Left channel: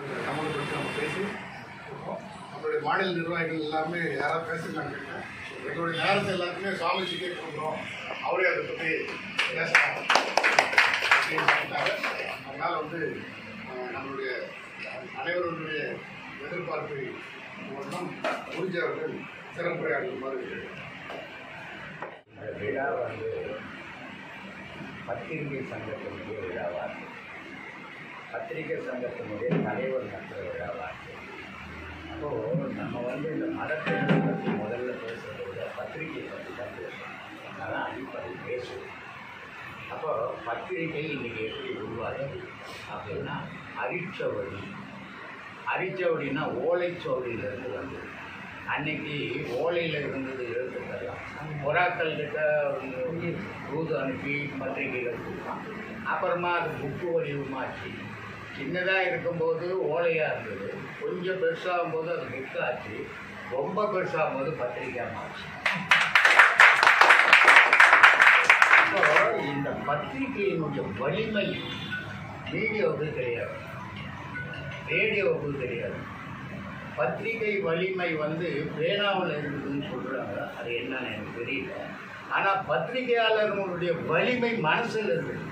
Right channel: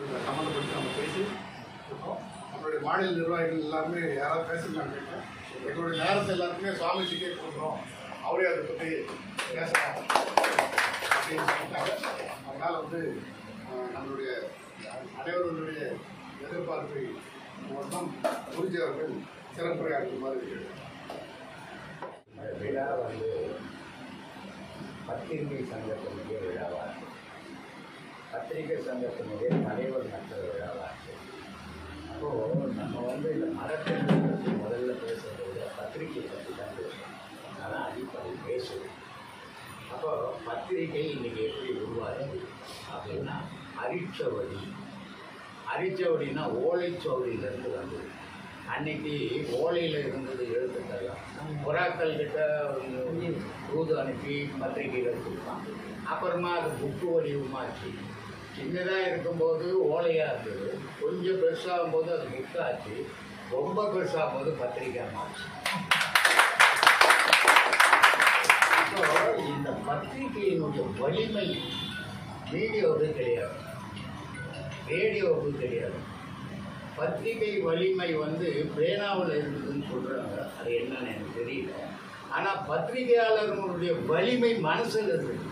அந்த சம்மந்தப்பட்டு நம்ம பேசி இருக்கோம். நம்மளுடைய மாநில நிர்வாகிகள் எல்லாமே யாராவது பேசிருக்காங்க கேட்டேன். எங்களுடைய நேரத்தை எல்லாத்துக்குமே சுவாமிஜிக்கே கொடுக்குறோம், அவரே அதை பற்றி பேசலாம் அப்படின்னு சொல்லிட்டாங்க. அதனால் நம்மளுடைய அனைவருடைய எதிர்பார்ப்பை மூலம் குருஜி அவர்கள் சிறப்புரையாற்றுமாறு விழா பத்திரிகை சங்கத்தினுடைய விழாவாக, பத்திரிகை சங்கத்தினுடைய தலைவர் நடத்துகிற விழாவாக. அப்போது நம்ம இந்த மதத்தை பற்றி முதல்ல பேசுகிறத விட பத்திரிகை பற்றி தான் பேசணும். அதனால் அடிப்படை பேசுவோம். அப்போது பத்திரிகை இன்றைக்கி எப்படி உருவாகுது அப்படின்னா, அரிச்சவடினா ஓலைச்சுவடியிலேருந்து வந்தது. அன்னைக்கு ஓலையில் இருந்தது எழுத்துக்கெல்லாம் புறாக்கள் கிட்ட தூது அனுப்பி பத்திரிகைகள் கொடுப்பாங்க. அப்புறமா அது புக்கு வடிவமாச்சு. சின்னதாக இருக்கும்போது ஓலையாக இருந்தது, கொஞ்சம் பெருசாகும் போது அது புக் ஆச்சு, ரொம்ப பெருசாகும் போது பத்திரிகை ஆச்சு. இப்போ இந்த பத்திரிகையினுடைய வலிமை மீடியாவுக்கு கிடையாது, ரேடியோவுக்கு கிடையாது. பத்திரிகை வலிமை பேனாவில் இருக்குதுன்னு சொல்கிறாங்க, அது என்னன்னு எனக்கு தெரியல. ஆனால் பத்திரிகையாளர்களுடைய வலிமை மனசில் இருக்குது.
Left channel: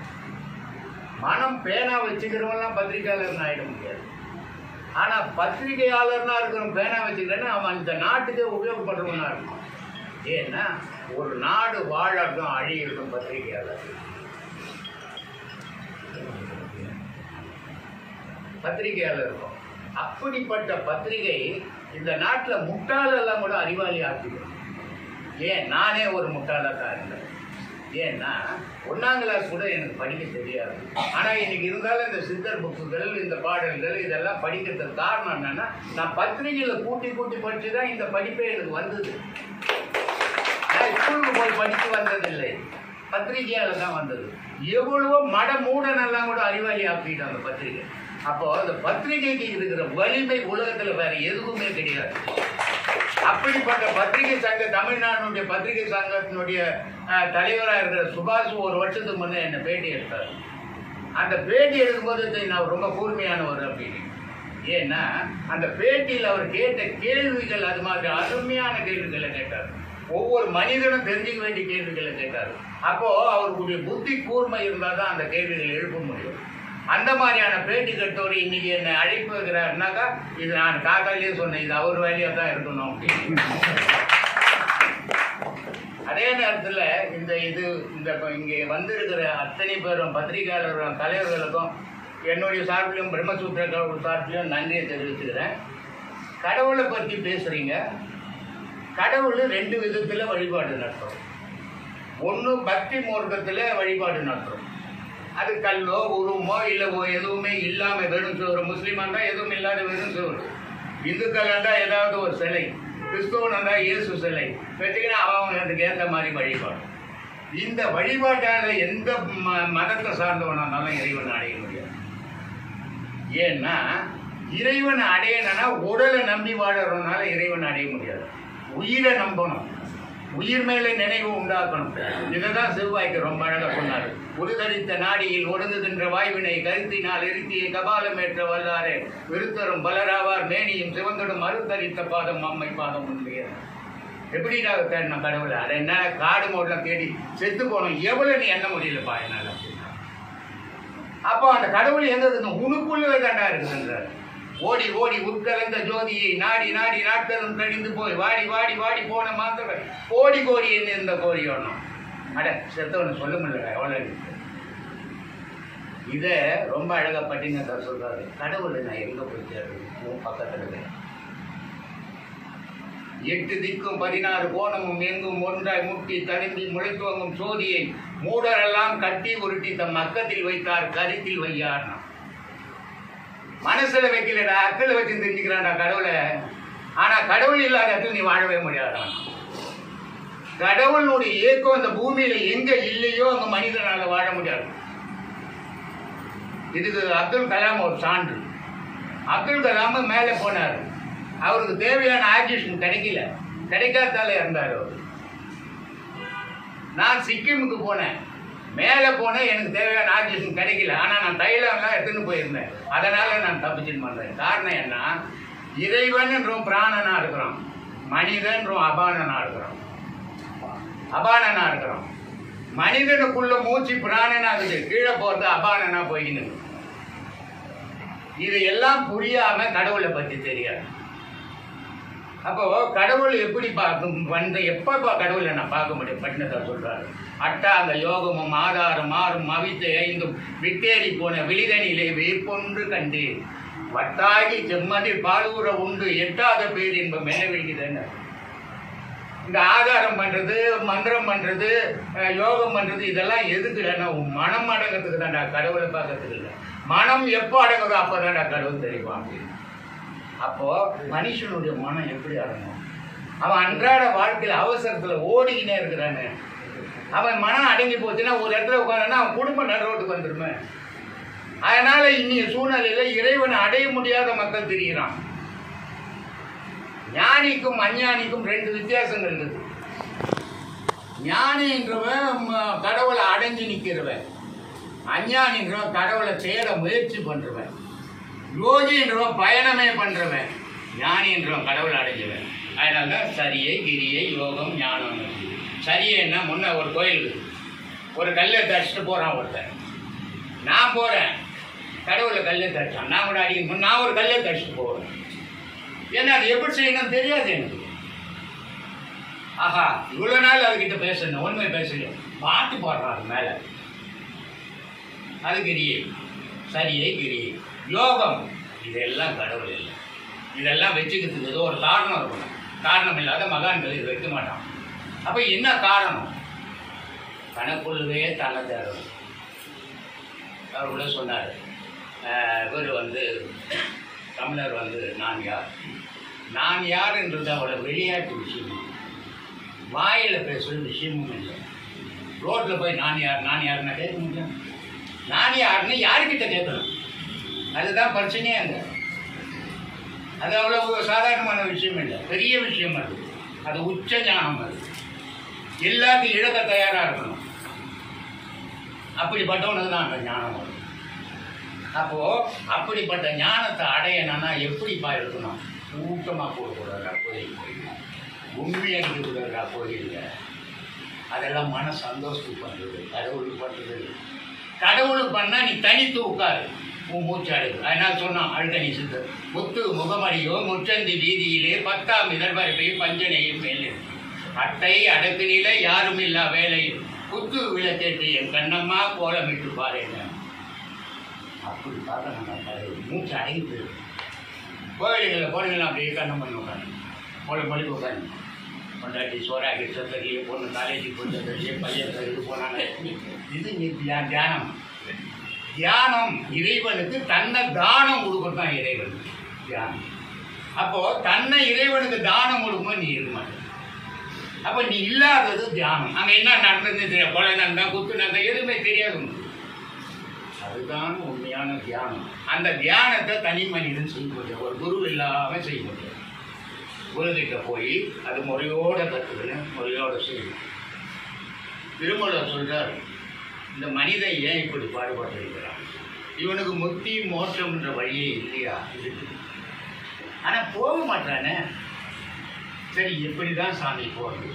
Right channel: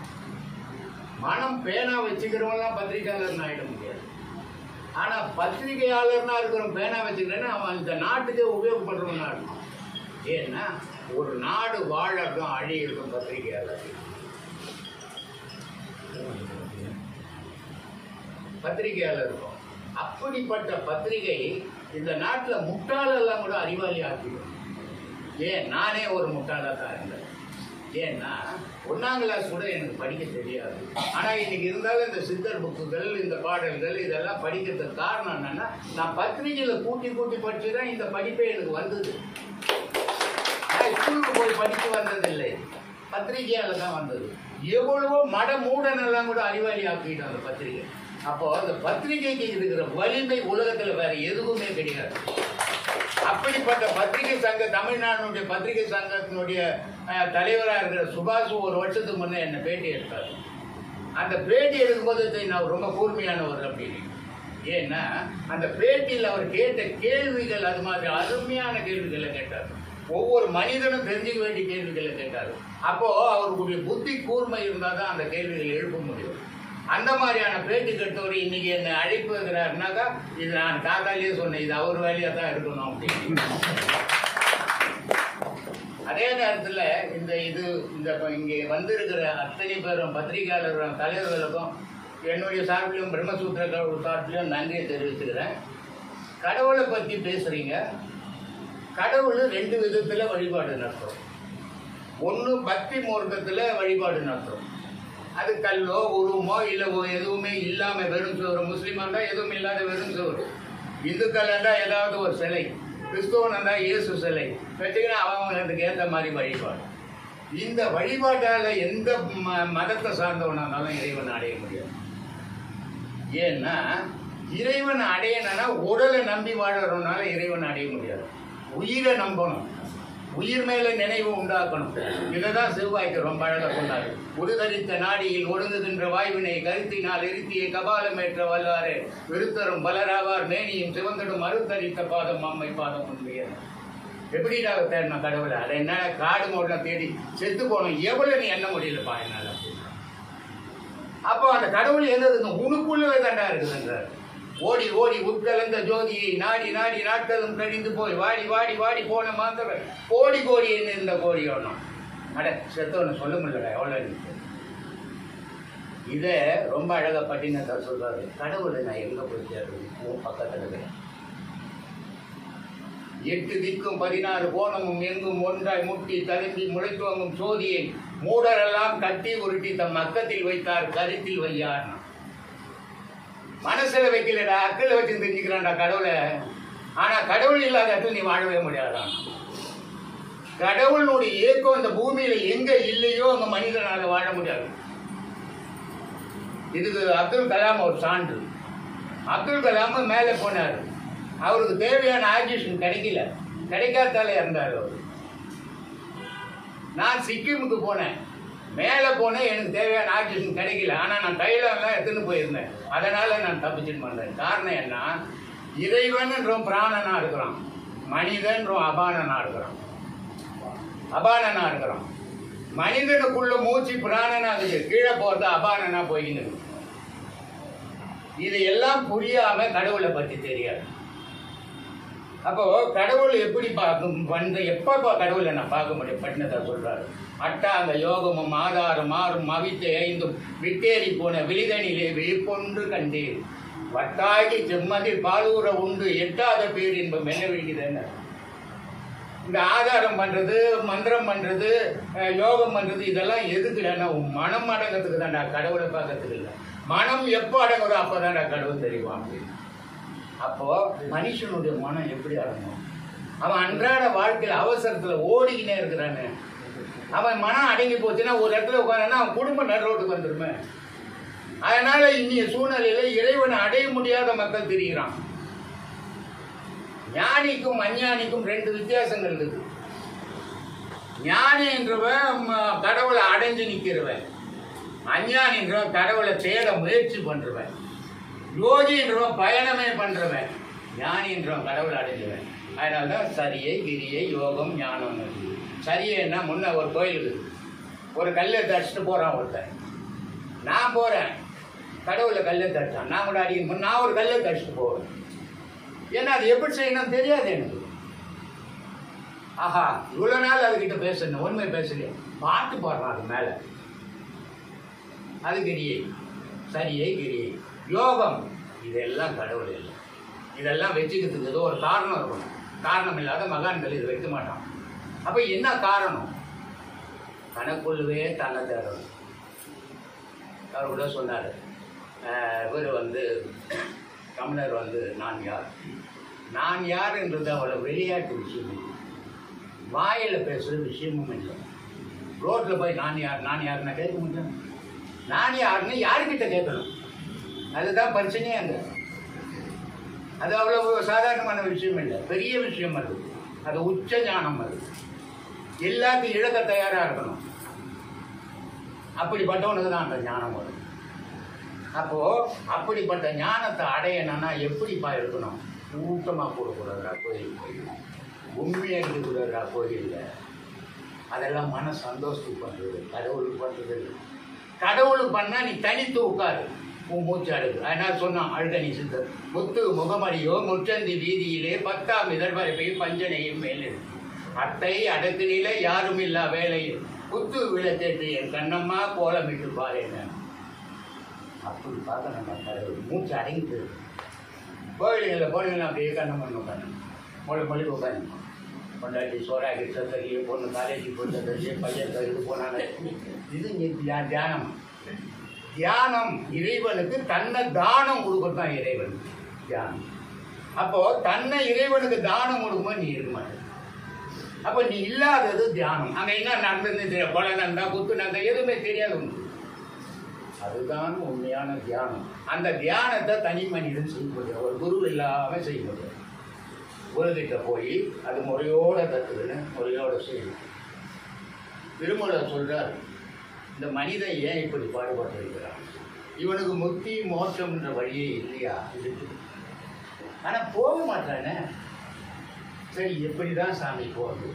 மனம் பேனா வச்சுக்கிறவங்களாம் பத்திரிகையாளர்னு ஆகிட முடியாது. ஆனால் பத்திரிகையாளர்னா இருக்கிறவங்க பேனா வச்சுக்கிறேன்னா அவன் இந்த நாட்டுக்கே உபயோகப்படுறவனா இருக்கும். ஏன்னா ஒரு நாடு வாழக்கும் அழியிருக்கும் பத்திரிகையாளர். இருக்கும். அப்படிப்பட்ட பத்திரிகை இந்த நாட்டில் முட்டாளெல்லாம் கூட அறிவாளி ஆக்கிடும். ஏன் நானே ஒரு முட்டாளாக தான் இருந்தேன். ஏன்னா 1ஆம் கிளாஸ் கூட எனக்கு படிக்க தெரியாது. ஆனால் இன்னைக்கு இருந்தாலும் இந்த சித்தர் புக்குகள், இந்த பாடல்கள் இதெல்லாம் படிக்கிறதுக்கு காரணம் என்னன்னா, நான் பத்திரிகையில் கூட்டி படித்து தான் இந்த படிப்பே எனக்கு வந்தது. ஆனால் ஸ்கூலுக்கு போய் படித்து வந்ததில்லை, பத்திரிகையால் தான் வந்தது. எவ்வளவோ மூடனெல்லாம் கூட அறிவாளி ஆக்கிட்டோம் அந்த பத்திரிகை. அப்போ அந்த பத்திரிகைக்கு இருக்கிற வலிமை உலகத்தில் வேற எதுவுமே கிடையாது. அப்படிப்பட்ட பத்திரிகை சங்க, தமிழ்நாடுடைய பத்திரிகை சங்கத்தினுடைய தலைவராக இருக்கிற சுபாஷ் ஒரு வருஷத்துக்கு முன்னே என்னை பேட்டி எடுத்தார். அந்த பேட்டி எடுக்கும்போது நான் ரொம்ப கூர்மையானவர் அப்படின்னு. ஏன்னா அந்த பேட்டியில் அவர் கேட்ட கேள்விகள் அது மாதிரி அருமையான கேள்விகளை கேட்டார். ஒவ்வொரு மனிதனும் தெரிஞ்சுக்க வேண்டிய கேள்விகளை கேட்டார். அப்போ அவருடைய புத்தி கூர்மை இருந்தால் தான் அந்த கேள்விகளை எழுப்ப முடியும். அந்த மாதிரியான பேட்டி கட்டோர் இன்னைக்கு என்னை அழைப்பு வைக்கிறாருனாக்கா, இது நான் காத்தாலேயே சொன்னேன், இது அவர் வேலையாக தான் இருக்கணும் அப்படின்னு. அதே நேரத்தில் இங்கே வந்திருக்கிற அத்தனை பேரும் பத்திரிகையாளர்களும் தலைவர்களுக்கும் என்னுடைய சார்பிலையும் பிரம்மசூத்திர சார்பிலையும் நன்றியை தெரிவிச்சுக்கிறேன். கடவுளை பற்றி பேசுகிறீங்க. கடவுள் 2 விதத்தில் வழிபாடு நடத்துகிறோம். ஒன்று பக்தி மார்க்கத்தில் வழிபாடு நடத்துகிறோம். அது கல்லோ உருவமோ இல்லை எதுவுமே இல்லாமல் வெறும் சோறு. முஸ்லீமாக இருந்தால் எதுவும் இல்லாத வெறும் சோறு. இந்துக்கள் இருந்தால் ஏதாவது ஒரு சிலை, கிறிஸ்தவன் இருந்தால் இயேசு சிலை வச்சுக்கினா அவங்களுக்கு ஏற்ற மாதிரி வழிபாடு. இந்த வழிபாட்டால் எந்த மதத்தை சார்ந்தவனாலும் இறைவனை அடைய முடியாது. ஏன்னா இறைவனை அடையணும்னா உடலை நம்பி வாழறதுனால இறைவனை அடைய முடியாது. உயிரை நம்பணும், உயிர் மேலே நினைவு உண்டாக்கணும். இதை தான் சிவபாய்க்கு ரொம்ப அழகாக சொன்னார். உருதரித்த நாடியில் ஒடுங்குகின்ற வாய்வினை கருத்தினால் இருத்தியை கபாலமேற்ற வல்லாரே விருத்தரும் பலராவார் மேனியும் சிவந்தடும் அறுத்தரித்த பாதம் அம்மை பாதம் உண்மையான. எப்படிடா தேடின கடவுளை? அதை என்னால் காடு மோடலாம் தேடி செத்து போனோம், எவ்வளோ நீ எண்ண முடியலப்பா என்னால் அப்படின்னா. அப்போ அந்த கடவுள் எங்க இருக்குங்க? உனக்குள்ளவே தாண்டா இருக்குதுன்றார். ஓடி ஓடி உட்கலந்த ஜோதியை நாடி நாடி நாட்களும் கழிந்து போய் வாடி வாடி வாடி போன மாத்திர கோடி கோடி என்ன இருந்த கோடி ஒன்றும் அட செத்தவனு சொல்ல முடியல. எவ்வளோ இதை ரொம்ப அழகா பட்டினத்தார் சொல்றாரு. கடவுளை நான் எங்க போய் தேடுறேன்? பக்கத்துல 8 திக்கும் 16 கோணமும் எங்கும் ஒன்றாய் முட்டி தழும்பி முளைத்துவங்கும் சோதியை மூடரெல்லாம் கட்டி உருட்டி தம் மக்கத்தில் வைத்தார் கருத்தில் வையார். மனசுல வைக்கலடா, அக்களை வச்சு தெரிஞ்சுக்கிறான்டா கடவுளை. ஆனா கடவுள் இல்லாத இடத்துல நீ வாழவே முடியாதான். கடவுளுடைய இயக்கம் இந்த பூமியில எங்க இல்லையோ அங்க மனிதனால வாழ முடியாது. இதுக்கு அப்துல் கலாம் ஒரு சான்று. அப்துல் கலாம் மேலே போனார், அவருக்கு தேவையான ஆக்சிஜன் கிடைக்காதால இருந்தார் அவர். நான் சிக்கிமுக்கு போனேன், மேலே போனேன், எனக்கு தேவையான ஆக்சிஜன் கிடைக்கல. ஆனால் நான் தைலம்லாம் எடுத்துன்னு போயிருந்தேன். அதனால் நான் தப்பிச்சுட்டு வந்தேன். காரணம் என்ன? இறைவன்ன்றோம் பிராணனா இருக்கிறோம், மனிதன்றோம் அபானனா இருக்கிறோம். அபானனா இருக்கிறோம். மனிதனுக்குள்ள மூச்சு பிராணனா இருக்குது, கீழே போகிறது அபானனா போயின்னு. இது எல்லாம் புரியாம கடவுளை பற்றி தெரியாது. அப்போ கடவுள் எப்படி பார்க்கும் வந்து எப்போ கடவுளை நான் பார்க்க முடியும்? பட்டினத்தை சொல்றாரு, அட்டாங்க யோகமும் ஆதாரம் மாறும் அவித்த ஐந்தும் விட்டேறி போன விழிதனிலே வேப்பொன்று கண்டு வட்டாகி செம்மதி பாலூர உண்டு எட்டாத பேர் இன்பம் என்ன விழுகுதுன்னு. இந்த ஆதாரம் பண்றது, மந்திரம் பண்றது, யோகம் பண்றது இதெல்லாம் எதுக்கு இல்லைன்னா மனம் அடங்கிறதுக்கு தான்டா, கடவுளை பார்க்கறதுக்கு இல்லை. மனம் எப்போ அடங்குதோ அப்போதான்டா கடவுள் தெரிவாங்க. அப்போ மனுஷனுடைய மனம் எப்படி அடங்கும்? அவன் அன்றாட வாழ்க்கையில் அவசரத்தில் ஓடிக்கினே இருக்கிறானு. அவன் மனம் அடங்கி போச்சுன்னா ஒரு இடத்துல உட்காந்துன்னா அவன் குடும்பம் நடுரோட்டுக்கு வந்துருமே. அதனால இன்னைய சூழ்நிலையில இறைவனை அடைய முடியாத மக்கள் தெரிகிறான். ஞானிக்கும் அஞ்ஞானிக்கும் ரெண்டு வித்தியாசங்கள் இருக்குது. ஞானின்றவன் கடவுளை அடைஞ்சு நிற்கிறவன், அஞ்ஞானின்றவன் கடவுளை தேட முயற்சி பண்றவன், யோகின்றவன் பயணமே பண்றவன், ஞானின்றவன் கடவுளை அடைஞ்சவன். அதனால்தான் சரியை கிரியை யோகம் ஞானம். சரியைன்னா முன்ன ஒரு கோயிலுக்கு ஒரு கல்லை தடிச்சுட்டு போறான் ஒருத்தன். நான் போறேன், கடவுளை கல்லை தடிச்சான், நான் கூட அடிக்கணும், நான் ஒரு கல்லை தடிச்சுட்டு போவேன். ஏன்னா அது எப்படி செய்யணும் தெரியாது எனக்கு. ஆஹா, இவ்வளவு நாள் அதுகிட்ட பேசணும், உண்மை பேசல, பாட்டு பாடுறான் அது மேல. அது கிரியை, சரியை கிரியை, யோகம். இதெல்லாம் கடவுள் இல்லை. இதெல்லாம் வச்சுக்கிறதுக்கு ஏதோ ஒரு காரணம் இருக்கணும். காரணம் இல்லாத மகான்கள் இது வைக்க மாட்டான். அப்ப என்ன காரணம்? தனக்குள்ளவே தன்னை தேடணும். அவர் கூட சொன்னார், இவர் வந்து தமிழர் வந்து நான் யார், நான் யாருன்றது அவளை விளையாட்டு விஷயமும் வாயில் பேசுகிற விஷயமும் இல்லை. ரோட்டில் போய் நான் யார் நான் யாருன்னா கேட்க முடியும். நான் யாருன்னு யாருக்கிட்ட கேட்கணும், அதுதான் பிரச்சனையே. அது அவ்வளவு சாதாரணமான விஷயம் இல்லை, பெரிய விஷயம். அது உச்ச ஞானம். அது எல்லாத்தையும் இழக்க தயாராக இருக்கணும். அப்படிப்பட்டவனுக்கு தான் அந்த ஞானம் வரும். அப்போ அப்படிப்பட்ட ஞானத்தை அடையணும்னா எப்படிப்பா இருக்கணும்? கூட்டமாக போடக்கூடாதா கோயில், உண்மையாக இருக்கக்கூடாதா கோயிலில், அதெல்லாம் மன சந்தோஷத்துக்கு பண்ணுறது, கடவுளுக்கு பண்ணுறது. கடவுளுக்கு பண்ணால் நீ தனித்து உட்காரு, உன் மூச்சு அடைவு. அதனால சொன்னான் அழுதனி சித்தர், முத்து முகமடியோ முற்றந்தி வீதியிலே 10ஆம் இதழ்வரைப்பை பஞ்சனையும் மேலே அட்டை அடக்கு நிலை யாரும் இல்லா வேலையில் குத்து விளக்கேற்று என் கண்ணம்மா கோலமிட்டு பாருங்க. அப்படி பார்க்க நம்ம மூச்சு அடங்கிட்டு கோவில்களில் போனீங்கன்னா அப்படியே கண்ணம் பண்ணி உட்காந்து மொழி உட்காந்து கொண்டாட்டி சோறாக்கி சத்தக்கி பொண்ணு காலேஜுக்கு போட்டு பையன் கருது போனாங்க. இது தியானம். தியானம் இறைவனுக்கு தன்னை தானம் கொடுக்கறது தான் இறைவன் தியானம். அப்போ தன்னை இறைவனுக்கு தானம் கொடுக்கும்போது நீ இருக்க மாட்டேன். அப்போ நீ இல்லாதது தியானம். அங்கே என்ன நடந்தது தெரியாது, கொலை நடந்தா குத்து நடந்தா எதுவுமே தெரியாது. அதுதான் உண்மையான தியானம். அந்த தியானத்தை தனி மனிதன் செய்ய முடியும், ஒரு குரு இல்லாமல் செய்ய முடியும். குருகிட்ட போய் அது முறையோட கற்றுக்கணும், முறையோட செய்யணும். திருமூலர் சொல்றார், இந்த மனிதன் ஏன் இப்படி பாடுபட்டிருக்கிறான், இவனுக்கு முக்தி மோட்சம்ன்ற வழியே இல்லையா இருக்கு, ஆனால் போக மாட்டானே. சரி, எப்படிதான் சாமி போகிறது?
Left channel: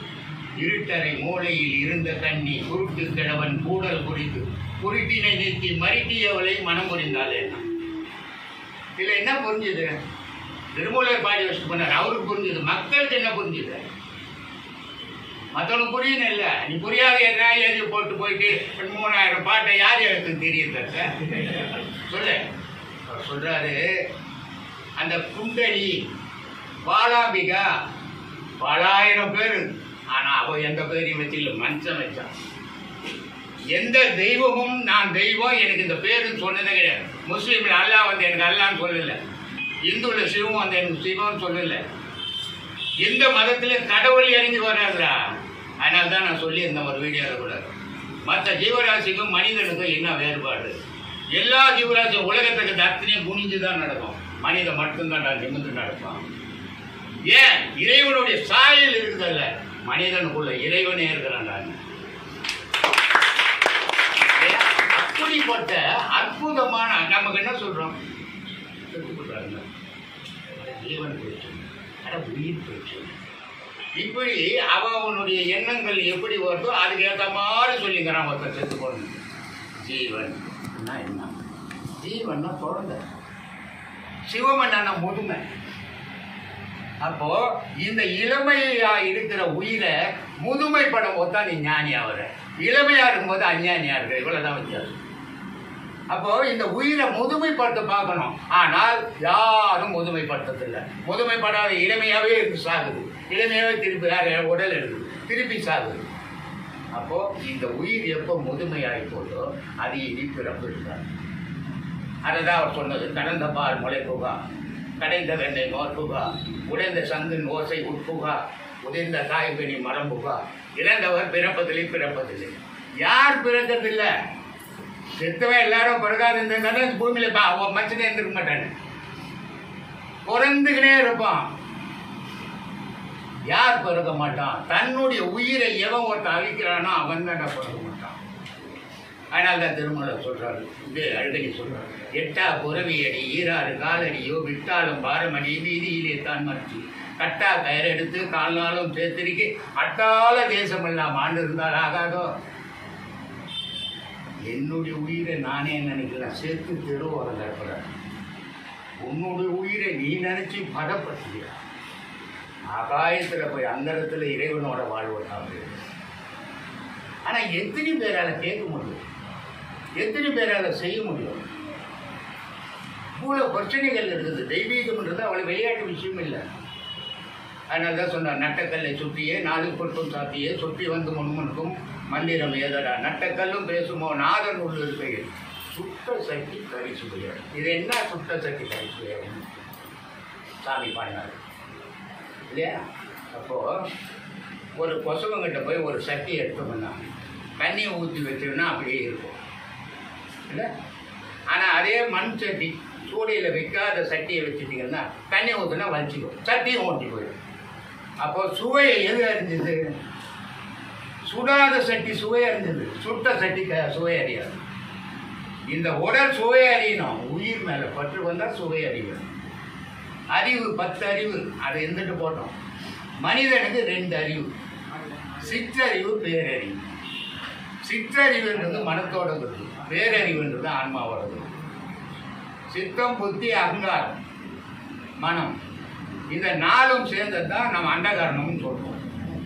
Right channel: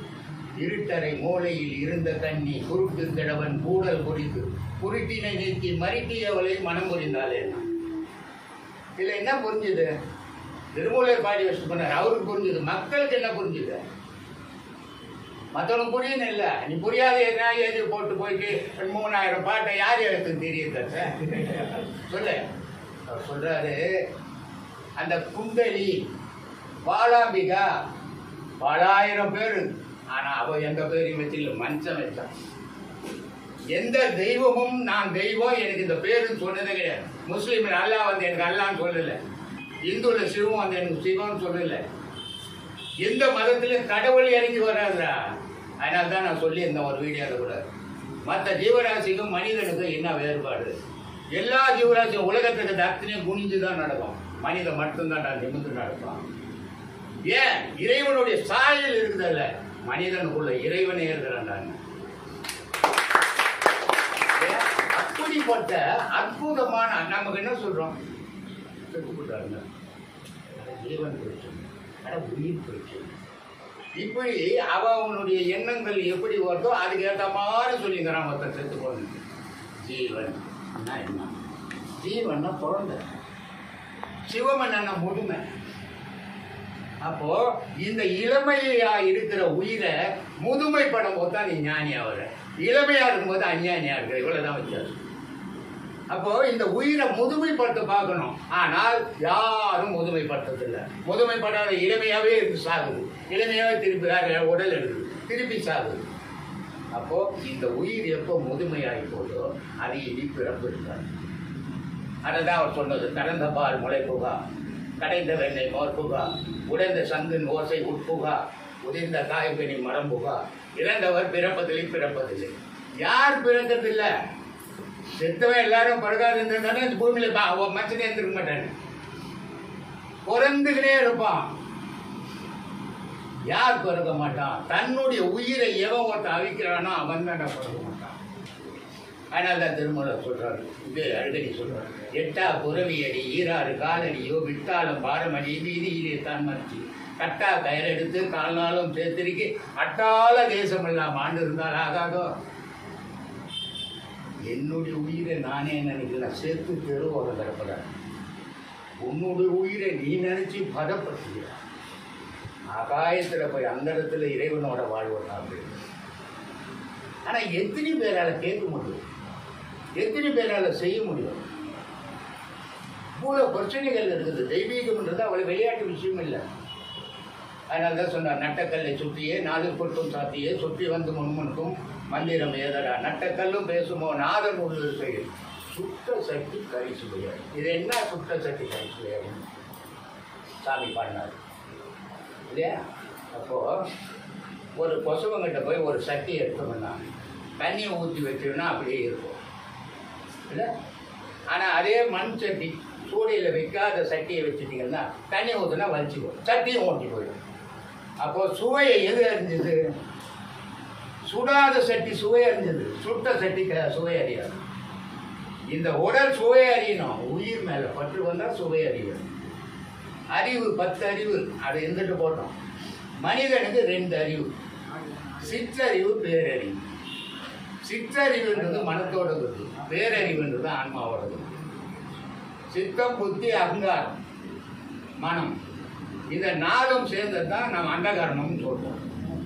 இருட்டறை மூளையில் இருந்த கண்ணி குருட்டு கிழவன் கூடல் குறித்து குருட்டினை நிறுத்தி மறுட்டியவளை மனம் புரிந்தாலே. இதில் என்ன புரிஞ்சுது? திருமூலர் பாடி வச்சு பண்ணார், அவருக்கு புரிஞ்சுது. மக்களுக்கு என்ன புரிஞ்சுது? மற்றவனுக்கு புரியணும் இல்லை. நீ புரியாத எதனா எழுதி போட்டு போயிட்டு 3000 பாட்டை யார் எழுத்துன்னு தெரியுது சொல்லு. அவர் சொல்றாரு, அந்த குண்டலி பாலாம்பிகா பலாயிரம் பேர், ஆனா அவ எந்த பேரையும் வச்சில்ல, மனுஷன் வச்சான். எந்த தெய்வமும் நான் தெய்வம் எனக்கு இந்த பேருன்னு சொன்னதே கிடையாது. முஸ்லீம்ல அல்லா வந்து எனக்கு அல்லான்னு சொல்லல, இந்துல சிவம் வந்து எனக்கு சிவம் சொல்லல. எந்த மதத்திலும் கடவுள் இறங்கி வராதுடா. அதனால தான் நான் சொல்லியிருந்தேன் ஒரு வீடியோவில் கூட, மற்ற ஜீவராசிக்கும் மனிதனுக்கும் என்ன வேறுபாடு? எல்லா ஜீவராசியும் உலகத்துக்கு அத்தனையும் குனிஞ்சு தான் நடக்கும், மனிதன் மட்டும்தான் நிமிர்ந்து நடக்கும். ஏன்? இறைவனுடைய சாயல் இருக்குதல்ல, மனிதனுக்குள்ள இறைவனே இருக்கிறான். இப்படிப்பட்ட அற்புதமான நமக்கு என்ன சொல்றோம், செத்துக்கிட்டாங்க, ஜீவன் பிரச்சனை, உயிர் பிரச்சனை. இப்படி அவனுடைய எண்ணங்கள் எப்படி வருதோ அதுக்கு ஏற்ற மாதிரி சொல்லிக்கிறான். ஒருத்தர் செத்து போகணும். ஜீவன் என்ன? ஜீவன்னா குழந்தை, சிவமன்னா முதுமை. அப்போ இந்த இளமையா இருக்கிற உயிரை முதுமைப்படும் போது தான் நீ ஞானியா வர, இளமையா இருக்கும்போது அஞ்ஞானியா இருக்க. இவ்வளவுதான் வித்தியாசம். அப்போ இந்த உயிரை முதுமைப்படுத்த பார்க்கணும். ஆனால் யாரும் முதுமைப்படுத்ததில்லை. முதுமைப்படாத இளமையாவே இருந்து சாகுது, இளமையாவே திருப்பி உடல் எடுக்குது, திருப்பி சாகுது. அப்போ இந்த உயிர் எப்போ முதுமையாகி போதோ அது இனி பிறப்பு இருக்காது. அதுதான் அவர் சொன்னது. கடந்த பால் முளை புகா, கடைந்த வெண்ணெய் மோர் புகா, உடைந்த சங்கின் ஓசை உட்புகா, உதிர்ந்த காய்கனி மரம் புகா, இறந்தவர் பிறப்பதில்லை பிறப்பதில்லை. யார் பிறந்ததில்லை? செத்தவன் எல்லாரும் பிறகாது இருந்தானே பூமியில மச்சனே இருந்திருக்க மாட்டானு, பிறந்துக்கிட்டே இருப்பான். யார் பிறக்க மாட்டான்? தன்னுடைய உயிரை எவன் ஒருத்தன் அழிக்கிறானோ அவன் தான் பிறக்க மாட்டான். அதனால தான் திருமூலர் சொல்றாரு, இதே அழுகடி சொல்றாரு, எட்டா புறவி அடி ஈராறு காலடியோ விட்டாலும் பாரமடி வீதியிலே தான் மறைச்சி கட்டா கயிறெடுத்து காலாலும் சேர்த்திருக்கி அட்டால தேசம் எல்லாம் ஆண்டு இருந்தால் ஆகாதோ. என்னுடைய உயிரை நானே நினைக்கலாம், சேர்த்து தெரு வர தரப்படாது. உன்னுடைய உயிரை நீ நினைச்சு பதப்படுத்தியா ஆகாயத்தில் போய் அந்த இடத்துல இறைவனோட வாழ்வதாக. ஆனால் எத்தனை பேரால கேட்க முடியும், எத்தனை பேரால செய்ய முடியும்? இவ்வளோ பிரச்சனைகள் இருக்குது. தெய்வீகம்ன்றது அவளை விளையாட்டு விஷயம் இல்லை. அதனால தான் சொன்னார், நட்டக்கல்லை சுற்றியே நாலு பொருட்டும் சாத்தியே சுற்றி வந்து முன்முன்கும் மந்திரம் ஏதடா நட்டக்கல்லும் பேசுமோ நாதன் உள்ள இருக்கையில் சுத்த சக்தி கரிசுவையார். இது என்ன சுத்த சக்தி கரிசுவையார்? சாமி பாடினார் இல்லையா? அப்போது ஒரு கொசவங்கிட்ட போய் ஒரு சட்டி எடுத்தோம்னா தண்ணியை ஊற்றி வச்சோம்னா அப்படியே இருக்கும் இல்லை? ஆனால் அதே மண் சட்டி சூடையில் வைக்காத சட்டியை வச்சுட்டிங்கன்னா தண்ணி ஊற்றுனா வலிச்சிக்கும், சட்டியும் ஓட்டி போயிடும். அப்போது சுவையை எது அறிஞ்சது? சுடாத சட்டி சுவை அறிஞ்சது, சுட்ட சட்டி சுவை அறியாது. இந்த உடல் சுவை அறியணும், உயிர் மேலே பற்று வந்தால் சுவை அறியணும். அறிவு 10 அறிவு, அதை இருந்துட்டு போட்டோம். மனிதனுக்கு 2 அறிவு, சிற்றறிவு பேரறிவு. சிற்றறிவுன்றது மனத்தோடது, பேரறிவுன்றது ஆன்மாவோடது. சித்தம் புத்தி அகங்காரம் மனம், இந்த 4ம் சேர்ந்தது தான் நம்ம அண்டகரணம்னு சொல்றோம்.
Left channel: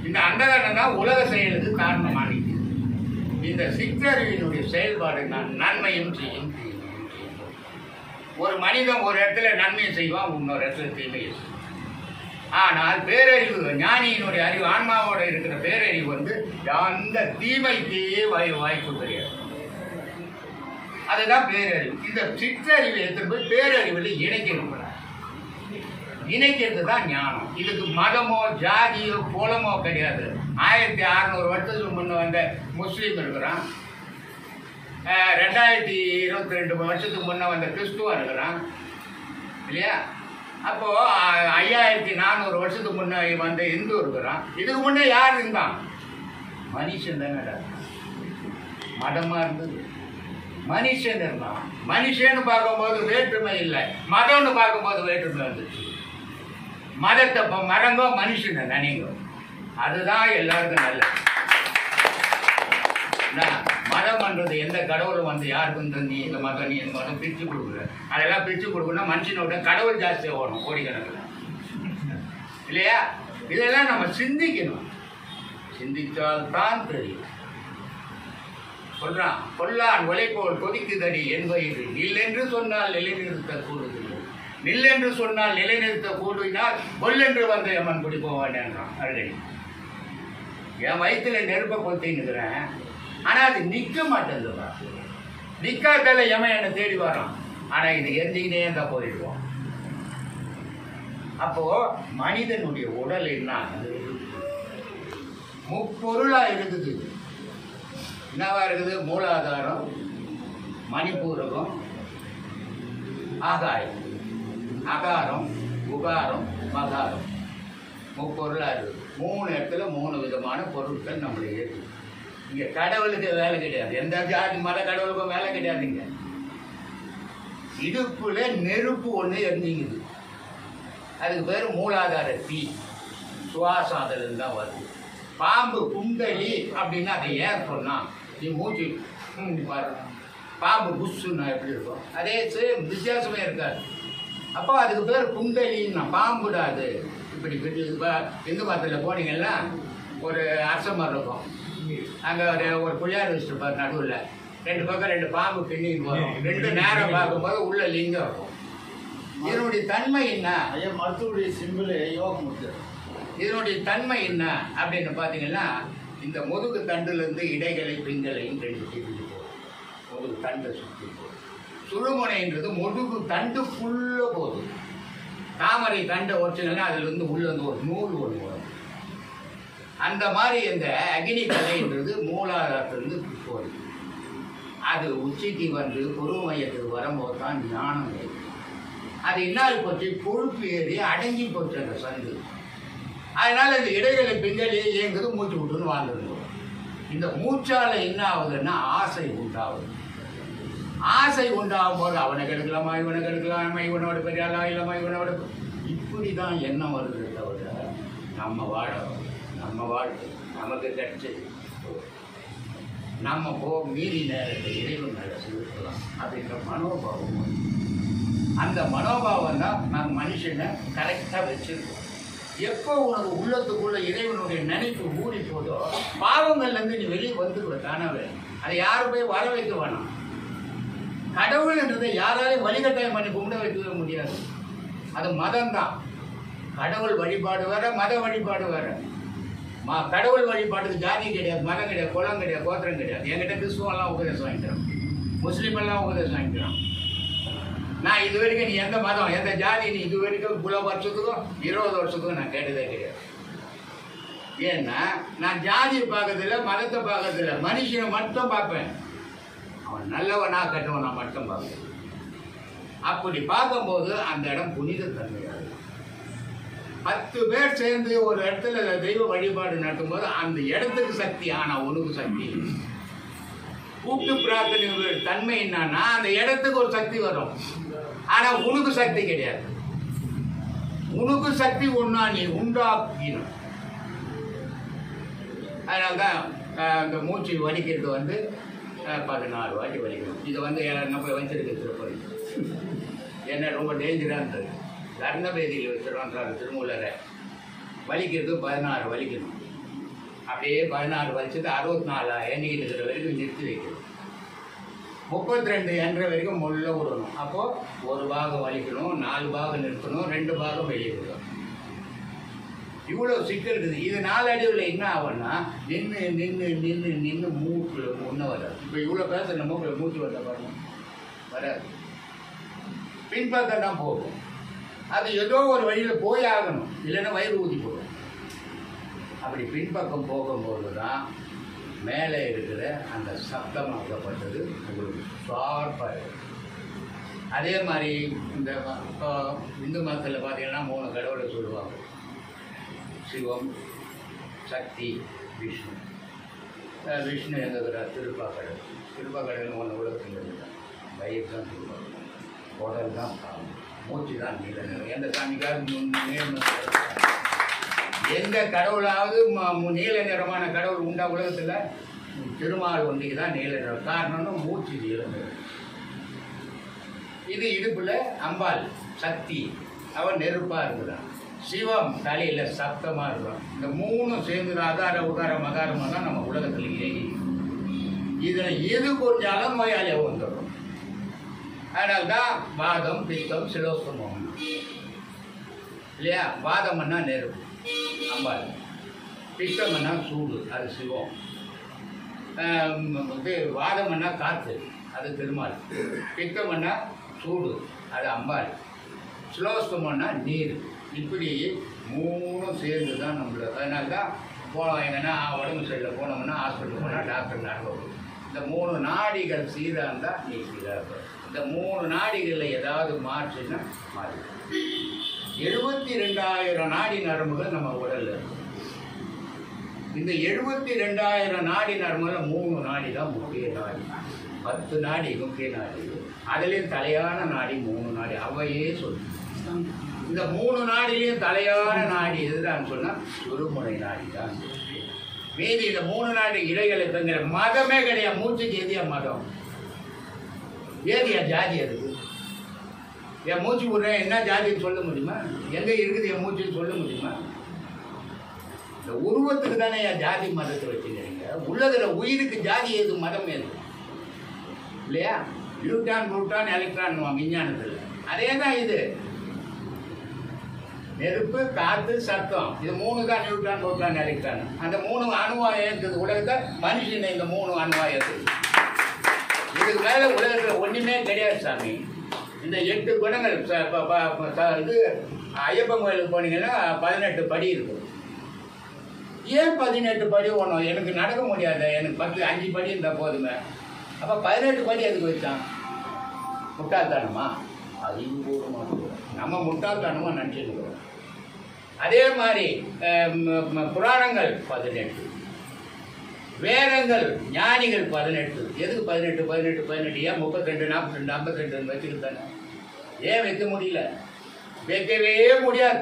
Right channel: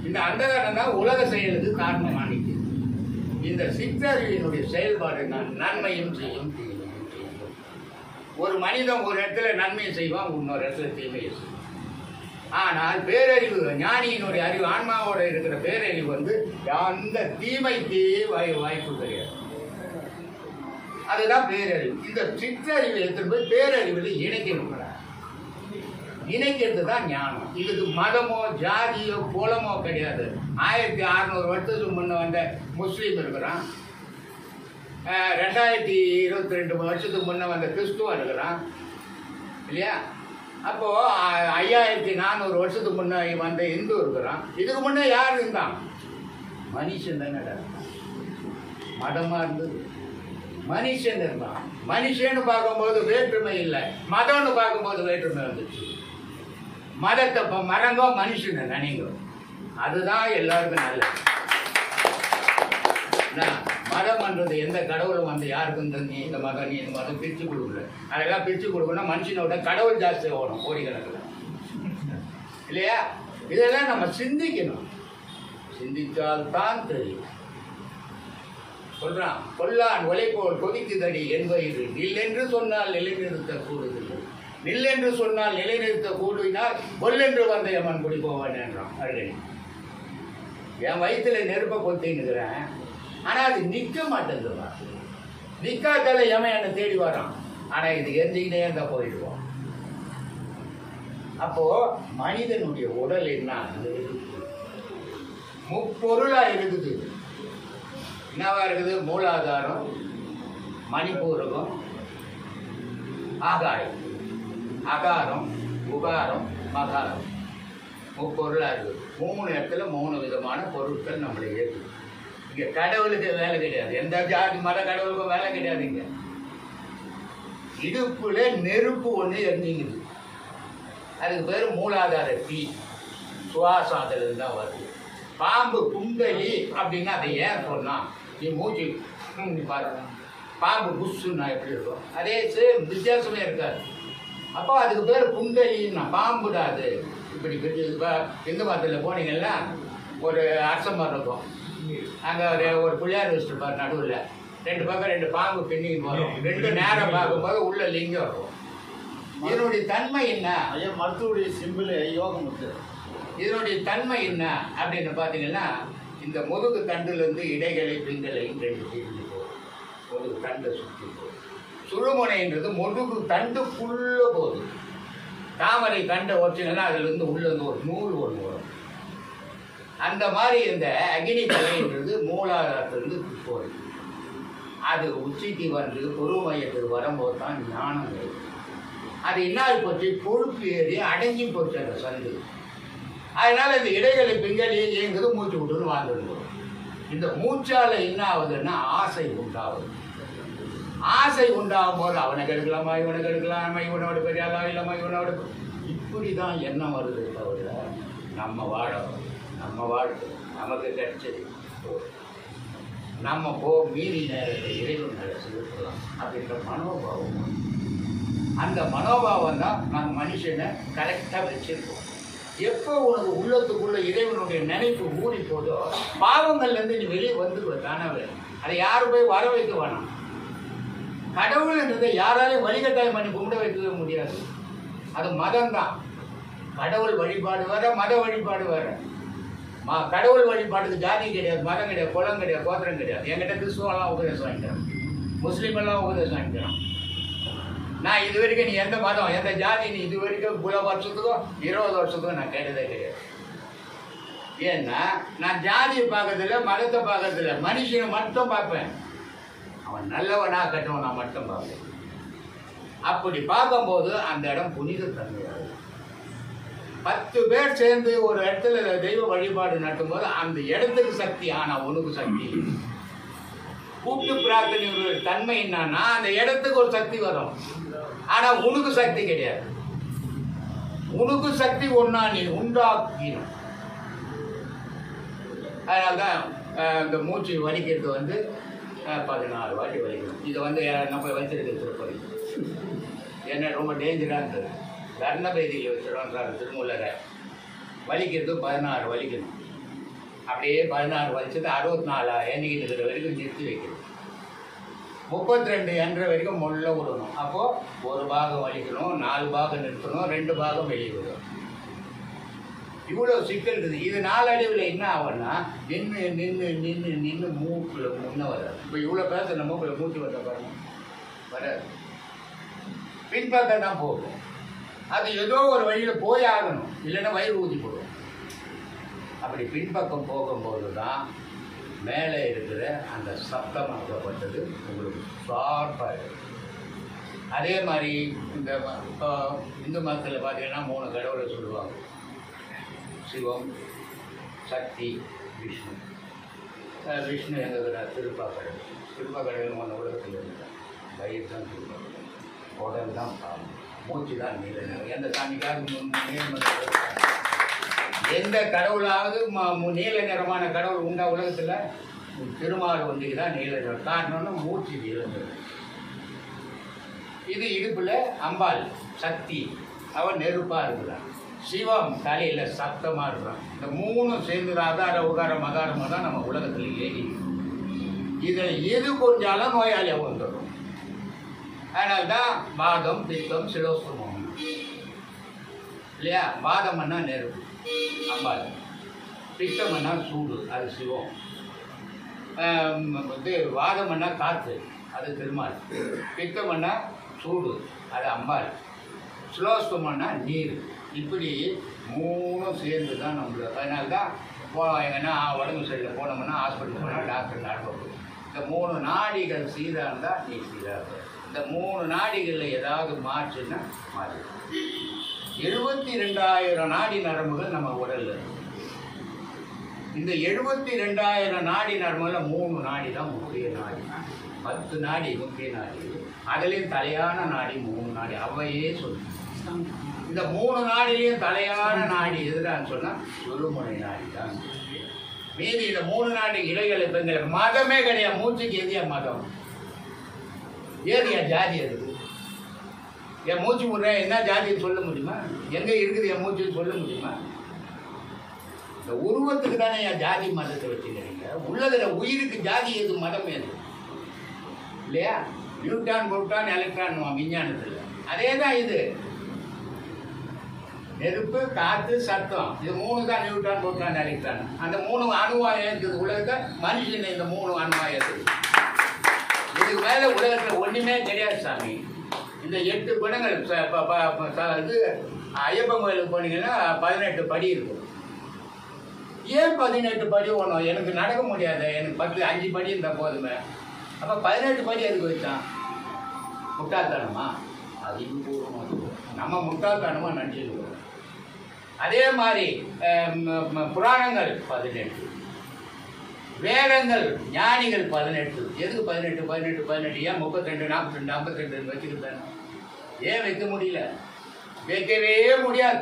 இந்த அண்டகரணம் தான் உலக செயலுக்கு காரணமானிக்கு. இந்த சிற்றறிவினுடைய செயல்பாடு தான் நன்மையும் செய்யும் தீமையும் செய்யும். ஒரு மனிதன் ஒரு இடத்துல நன்மையை செய்வான், இன்னொரு இடத்துல தீமையை செய்வான். ஆனால் பேரறிவு, ஞானியினுடைய அறிவு, ஆன்மாவோட இருக்கிற பேரறிவு வந்து அந்த தீமைக்கு வாய்ப்பு கிடையாது. அதுதான் பேரறிவு. இந்த சிற்றறிவை எடுத்துட்டு போய் பேரறிவில் இணைக்கணும். இணைக்கிறது தான் ஞானம். இதுக்கு மதமோ ஜாதியோ குலமோ கிடையாது. 1600 வருஷத்துக்கு முன்ன வந்த முஸ்லீம் இருக்கிறான், 2022 வருஷத்துக்கு முன்ன வந்த கிறிஸ்துவம் இருக்கிறான் இல்லையா? அப்போது 5400 வருஷத்துக்கு முன்னே வந்த இந்து இருக்கிறான். இதுக்கு முன்னே யார் இருந்தான்? மனுஷன் தானே. மதமாக இருந்தது, மனுஷன் இருந்தான். மனுஷன்னு பார்க்கும்போது வேற்றுமை இல்லை, மதம்னு பார்க்கும்போது வேற்றுமை வந்துச்சு. மதத்தை மறந்தோ மனுஷனை நினைங்கோ, அதுதான் எல்லாருக்கும் நல்லது. மதம் பண்றது எந்த கடவுளும் வந்து யாருக்கும் நீ இந்த மதம் நீ இந்த மதம் பிரித்து கொடுக்குற, அதெல்லாம் பிரித்து கொடுக்கணும். மனுஷனோட கடவுள் ஜாஸ்தி ஓடும் கோடிக்கணக்கில் இல்லையா? இதெல்லாம் நம்ம சிந்திக்கணும், சிந்தித்தால் தான் தெரியும். சொல்றான், கொல்லான் உழைப்போல் கொதிக்குதடி என்பது நில்லென்று சொன்னால் நிலைநிறுத்த கூடுதில்லை, நில்லென்று சொன்னால் நிலைநிறுத்த கூடுவினால் கொல்லென்று வந்த எமன் குடி போவான் என்றான் அழுகை. என் வயிற்றுல நெருப்பை கொத்தின்னுக்கிறேன், ஆனால் அது நிற்க மாட்டேங்குதுப்பா. நிற்காதால எமன் என்னை தேடி வரான், ஆனால் இது எரிஞ்சிக்கிட்டே இருந்தால் போயிடுவோம். அப்போ மனிதனுடைய உடல் என்ன முப்பொருளாக இருக்குது. என்னவா இருக்குது? மூலாதாரம், மணிப்பூரகம், ஆகாயம், அகாரம், உகாரம், மகாரம், முப்பொருளாக இருக்குது. 3 இடத்துல 3 விதமான பொருட்கள் நம்மளை ஏற்று. இங்கே கடவுளுக்கு வேலை கிடையாது, எந்த ஜாதி மத கடவுளுக்கும் வேலை கிடையாதுங்க. இடுப்புல நெருப்பு ஒன்று எரிஞ்சிங்குது, அதுக்கு பேர் மூலாதார தீ, சுவாசம் அதில் தான் வருது. பாம்பு குண்டலி அப்படின்னா அதை ஏன் சொன்னான், நீ மூச்சு நீ பாருங்க, பாம்பு புஷ்ஷுன்னா எப்படி இருக்கும், அதே சேம் வித்தியாசமே இருக்காது. அப்போ அதுக்கு பேர் குண்டலின்னா பாம்புடா அது. இப்படி இந்து மதத்தில் போனீங்கன்னா ஒரு அரச மரம் இருக்கும், அங்கே ஒரு பிள்ளையார் வச்சுருப்பார், நடுவில் 2 பக்கம் 2 பாம்பு பின்னிக்கு வரும், 2 நேரம் பார்க்கும்போது உள்ள லிங்கம் இருக்கும். இதனுடைய தன்மை என்ன, மருத்துவடைய சிம்பிள் யோகமுத்து. இதனுடைய தன்மை என்ன அப்படின்னு பார்த்தீங்கன்னா, இந்த முதுகு தண்டுலேருந்து இடைகளை பிங்களையும் 2 பிரிஞ்சு போகும், முதுகு தண்டை சுற்றி போகும். சுழுமுனைன்றது முதுகு தண்டுக்குள்ளே போகுது. தாமரை தண்டை வச்சுங்கன்னா அதுலேருந்து உள்ளேருந்து ஒரு நூல் ஒன்று வரும். அந்த மாதிரி இந்த அக்னி கலைன்றது மூலாதாரத்திலிருந்து போகுது. அது உச்சிக்கு வந்து பொறுமையத்துக்கு வரும்போது தான் ஞானம் ஏறும். அது என்ன போச்சு, கொழுப்பு ஏறி அடங்கி போச்சு அந்த சந்து. அதனால இந்த இடைகளை பிங்களையே இயங்குது, மூச்சு விட்டுன்னு வாழ்ந்துடும். இந்த மூச்சால என்ன ஆகுதுன்னா ஆசை உண்டாகுது. ஆசை உண்டாகும் போது அவனை கெடுக்கலாமா, இவனை கெடுக்கலாமா, இவனோட பெரியாளா இல்லைம்மா, இவனோட இப்படி தான் எண்ணம் வருது தவிர நம்ம வாழணும், நம்ம வாழ்க்கை நமக்கு கிடைச்சது, நம்ம மீறி நேரத்தை இறைவன் மேலே செலுத்தலாம் அப்படின்ற மனோபாவம். அந்த மனோபாவம் தான் நம்ம மனுஷனை கரெக்டாக வச்சிருக்கோம். எப்போ உனக்கு உள்ளத்துக்குள்ள இறைவனுடைய நினைப்பு ஊறி போதோ பாவங்கள்லேருந்து நீ வெளியே வந்துடுவ தானவே. அதை யாரும் போய் வர வைக்க வேணாம். கடவுள்ன்றதை யாராலையும் வழிகட்டாயம் பண்ணி கும்பிட வைக்கவே முடியாது. அது மதம்தான். கடவுள் வழிபாடு வேற, மத வழிபாடு வேற. கடவுள் வழிபாட்டுக்கு ஜாதி கிடையாது, மதம் கிடையாது, குலம் கிடையாது, கோத்திரம் கிடையாது. என்கிட்ட கிறிஸ்துவெல்லாம் உபதேசம் வாங்கிக்கிறேன், முஸ்லீம் எல்லாம் உபதேசம் வாங்கிக்கிறேன். நான் இது வரைக்கும் நீ எந்த மதம் எந்த ஜாதி நீ இது வரைக்கும் 10 வருஷத்துக்கும் 20 வருஷத்துக்கும் நான் கேட்டதே கிடையாது. ஏன்னா நான் ஜாதியை பார்க்கறதில்ல, மதத்தை பார்க்கறதில்ல, மனுஷனை மட்டும் பார்ப்பேன். அவன் நல்லவனா கெட்டவனா மட்டும் பார்ப்பேன். அப்படி பார்க்கும்போது அந்த இடம் புனித தன்மையாது. 10 பேர் சேர்ந்து ஒரு இடத்துல தெய்வ வழிபாடு நடத்தும்போது அந்த இடத்துக்கு சக்தி, ஆனால் உனக்கு சக்தி. கூட்டு பிரார்த்தனை தன்மை என்னன்னா அந்த இடத்துக்கு ஒரு சக்தி வரும், ஆனா உனக்கு சக்தி கிடையாது. உனக்கு சக்தி ஒன்னா நீ உண்டாக்கணும். அதனால்தான் இந்த மூச்சு வலிக்கிறது வந்து 14 வாட்டி வலிக்கணும். இது வந்து நம்ம வச்சிருக்க திருப்பதி என்ன ரொம்ப டேஞ்சராக இருந்தது. லக்னபேதியில் வச்சிருவாங்க திருமூலரை. வலிக்கிறது 16 வலிக்கணும். அப்படியே 16 வலிச்சது 64 எண்ணிக்கிட்டு இருக்கிற வரைக்கும் நிறுத்தி வைக்கணும். 32 என்ற வரைக்கும் முள்ள விடணும். அப்போது ஒரு பாகம் வலிக்கணும், 4 பாகம் நிறுத்தணும், 2 பாகம் வெளியே விடணும். இவ்வளோ சிக்கல் இருக்குது. இது நாளடைவில் என்ன ஆகும்னா நின்று நின்று நின்று நின்று மூக்கில் முன்ன வராது. இப்போ இவ்வளோ பேர் நம்ம மூக்கில் மூச்சு வந்த பாருங்க வராது, பின்பக்கம் தான் போகும். அது ஏதோ ஒரு வழியில் போய் ஆகணும், இல்லைன்னா வயிறு ஊதி போடும். அப்படி பின்பக்கம் போகும்போது தான் மேலே இருக்கிற அந்த சப்தமாகப்பட்டது உங்களுக்கு ஷார்ப்பாக இருக்கும். அதே மாதிரி இந்த இப்போ இந்து மதத்தில் பார்த்தீங்கன்னா 3 கடவுளை சொல்லுவாங்க, சிவம், சக்தி, விஷ்ணு. விஷ்ணு எங்கே இருக்கிறார், திருப்பாக்கடல். திருப்பாக்கடல் ஒன்று உலகத்தில் இருக்கிறார். வயிறு தான் திருப்பாக்கடல், உடல் தான் பாவம், மூச்சு தான் நீல நிறம். எந்த சாமிக்காவது எந்த கடவுளாவது நீல நிறமான கடவுள் உண்டா உலகத்தில்? திருமால் ஒன்றிக்கு தான் நீல நிறம். காரணம்னு மூச்சு நீல நிறம். இது இடுப்பில் அம்பாள் சக்தி, அவன் நெருப்பாக இருக்குதான். சிவம் தலையில் சத்தமாக இருக்கும். இந்த 3 சேர்ந்து ஆதார உகார மகாரமாக தான் நம்ம உலகத்தில் ஏறி. இதில் எது கொஞ்சாலும் நோயாளியாக வந்துடும். அதனால்தான் வாதம், பித்தம், சிலோஸ்தமம் இல்லையா? வாதம்னா நெருப்பு, அம்பாள். பித்தம்னா சூடு, அது சிவம். வாதம்னா காற்று, அது திருமால். பித்தம்னா சூடு, அது அம்பாள். சிலோஸ்தமம்னா நீர். இப்படி 3 சேர்ந்து தான் நம்மளுக்கு. அதனால தான் போனோம் எங்கன்னா உடம்பு சைடில் போனோம்னா ஹாஸ்பிட்டல் போனால் டாக்டர் நடக்கும். இந்த 3 நாடிகள் சீராக இருந்தால் நீ சீராக இருப்ப. இந்த 3 நாடிகளில் ஏதாவது மாற்றுன்னா மாறி. 72,000 நாடி நரம்புகள் நம்ம உடலில் இருக்கும். இந்த 72,000 நாடி நர்மல 3 நாடி தான் முக்கிய நாடி. 10 நாடி முக்கிய நாடி, அதுலேயும் தலையான நாடி 3 நாடி. அவையே சொல்லு இந்த 3 நாடிலையும் தலையான நாடி எதுதான் சொன்னா சுழுமுனை நாடி தான். மீதி இந்த 3 நாடி இடைகள் எங்களுக்கு மதமே கிடையாது. மூச்சுக்கு எதியா மதம், ஏதியா ஜாதி? அது என் மூச்சு விடுறேன் என்ன ஜாதின்னு சொல்ல முடியுமா? எங்க இருக்குது என் மூச்சுன்னு சொல்ல முடியுமா? இந்த உருவத்துக்கு தானே என் ஜாதி மதத்தை வச்சுக்கிறீங்க. உள்ளதுல உயிருக்கு ஜாதி ஏது, மதம் ஏது இல்லையா? நியூட்ரான் புரோட்டான் எலக்ட்ரான் விஞ்ஞானத்தில் அதே தான். இது நெருப்பு, காற்று, சத்தம், இது 3 தான் நியூட்ரான் புரோட்டான் எலக்ட்ரான். அந்த 3 அணுவாக இருக்குது உலகத்தை. மனுஷன் இந்த 3 அணுவாக இருக்குது. இதுக்கு மேல உலகத்தில் ஒண்ணுமே கிடையாது சாமி. இந்த 8 குணங்கள் இது ஐயப்பன் கோயிலுக்கு போனீங்கன்னா 18 படி இருக்கும். ஏன் 18 படி ஒன்றும் எனக்கு நடக்க முடியாது, எனக்கு 5 படி இருந்தால் போதுமே. அப்போ 18 படி அதுக்கு வச்சான். முட்டாள்தானமா? அறிவுபூர்வமாக நம்ம முட்டாள்தானமா நினச்சிருக்கிறோம். அதே மாதிரி புராணங்கள் 18, வேதங்கள் ஞானிகள் 18. எதுக்கு 18 18 18? ஏன் 32 42 52 வச்சுக்கிட்டாங்க? ஏன் வைக்க முடியல? வைக்கவே முடியாது.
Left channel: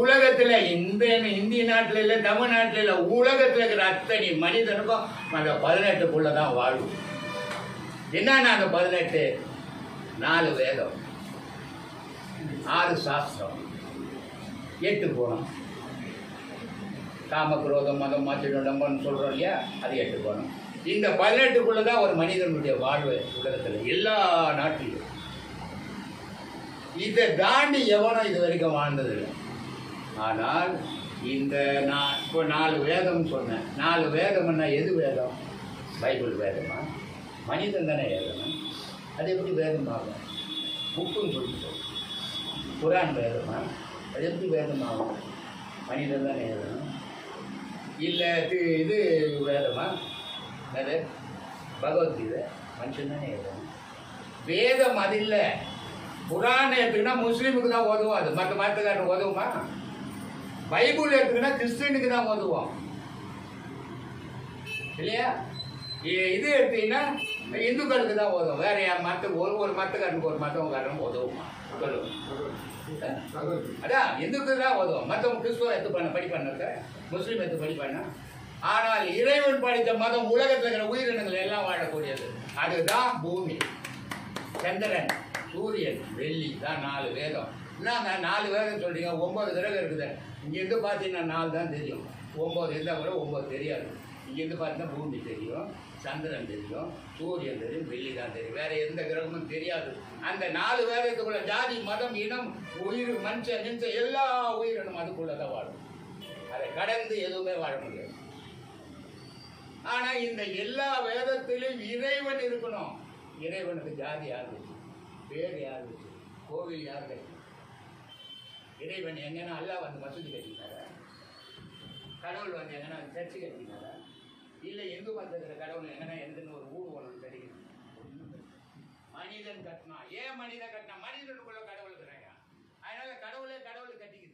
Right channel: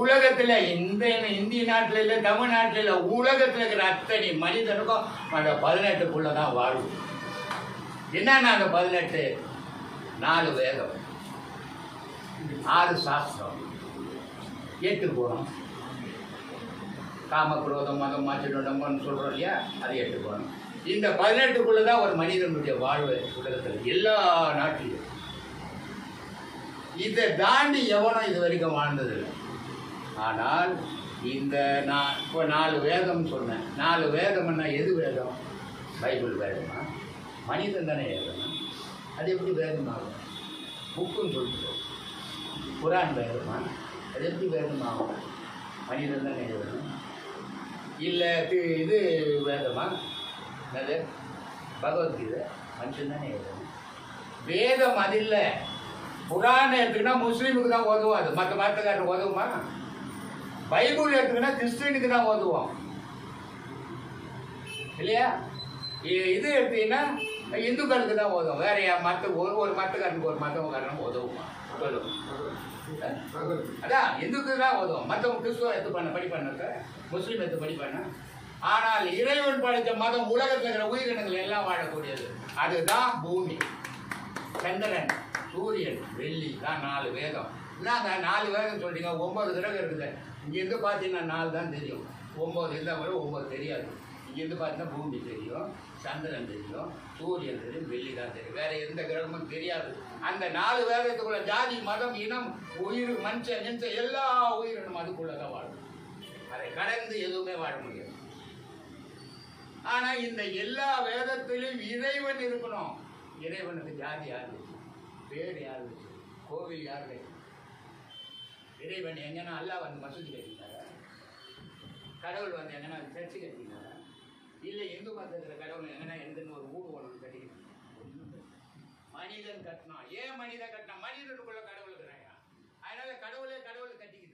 உலகத்தில் இந்திய நாட்டில் இல்லை, தமிழ்நாட்டில் இல்லை, உலகத்தில் இருக்கிற அத்தனை மனிதனுக்கும் அந்த 18க்குள்ள தான் வாழும். என்னன்னா அந்த 18? 4 வேதம், 6 சாஸ்திரம், 8 குணம். காமக்ரோதம் மதம் மாற்றிடம்பன்னு சொல்றோம் இல்லையா, அது 8 குணம். இந்த 18க்குள்ள தான் ஒரு மனிதனுடைய வாழ்வு உலகத்தில் எல்லா நாட்டிலும். இதை தாண்டி எவனும் இது வரைக்கும் வாழ்ந்ததில்லை. ஆனால் இந்த நான் இப்போ 4 வேதம் சொன்னேன். 4 வேதம்னா எது வேதம்? பைபிள் வேதமா? மனிதன் தானே எழுதணும். அது எப்படி வேதமாகும்? புக்குன்னு சொல்லிட்டு குரான் வேதமா? அது எப்படி வேதமாகும்? மனிதன் தானே எழுதணும். இல்லை இது வேதமா? அது பகவத்கீதை மனுஷன் தானே எழுதணும். வேதம் அது இல்லை. குரான் எடுத்துக்கினா முஸ்லீமுக்கு தான் உதவும், அது மற்ற மதத்துக்காரனுக்கு உதவுமா? பைபிள் எடுத்துக்கினா கிறிஸ்டினுக்கு தான் உதவும் இல்லையா? இது எடுத்தீங்கன்னா இந்துக்களுக்கு தான் உதவும். வேற மற்ற ஒரு மதத்துக்காரனுக்கு ஒரு மதக்காரனுக்கு உதவுமா? அதான் இந்துக்கு தான் உதவும். மற்றவங்க கிறிஸ்துவ எடுத்து படிப்பாங்க, முஸ்லீம் எடுத்து படிப்பாங்க. ஆனால் இறைவன் படைத்த மதம் உலகத்தில் இருக்கிற உயிரினங்கள் எல்லாம் வாழக்கூடியது. அதுதான் பூமி, சந்திரன், சூரியன், வெள்ளி தான் 4 வேதம். என்னங்க 4 வேதம் சொல்றீங்க? 9 கிரகம் இருக்குது. இங்கேருந்து பார்த்தீங்கன்னா 4 தான் தெரியும். 9 இருந்தால் கூட 9 தெரியாது. இங்கேருந்து பார்த்தீங்கன்னா பூமி தெரியும், சந்திரன் தெரியும், சூரியன் தெரியும், வெள்ளி தான் தெரியும். வேற எந்த கிரகமும் தெரியாது. அந்த 4 வேதத்துக்குள்ள ஜாதி மதம் இனம் உயிர் மனுஷன் நினைச்ச எல்லா உயிரினும் அதுக்குள்ளதான் வாழும். அதை கடந்து எதுவுமே வாழ முடியாது. ஆனா இந்த எல்லா வேதத்திலும் இறைவன் இருக்கணும். இறைவனுக்கு ஜாதி யார் வச்சு, பேர் யார் வச்சு, கோவில் யார் கட்டி? இறைவன் எங்கன்னா அல்லாஹ் வந்து மசூதி கட்டினாரா? கடவுள் வந்து எங்கன்னா சர்ச்சு கட்டினாரா? இல்லை இந்து மதத்தில் கடவுள் எங்கன்னா எந்தன்னு ஒரு ஊடு ஒன்று கட்டிக்கணும். மனிதன் கட்டினா. ஏன் மனிதன் கட்டினா? மனிதனுக்குள்ள கடவுள் இருக்கிறாங்க. அதனால கடவுளே கடவுள் கட்டிக்கிது.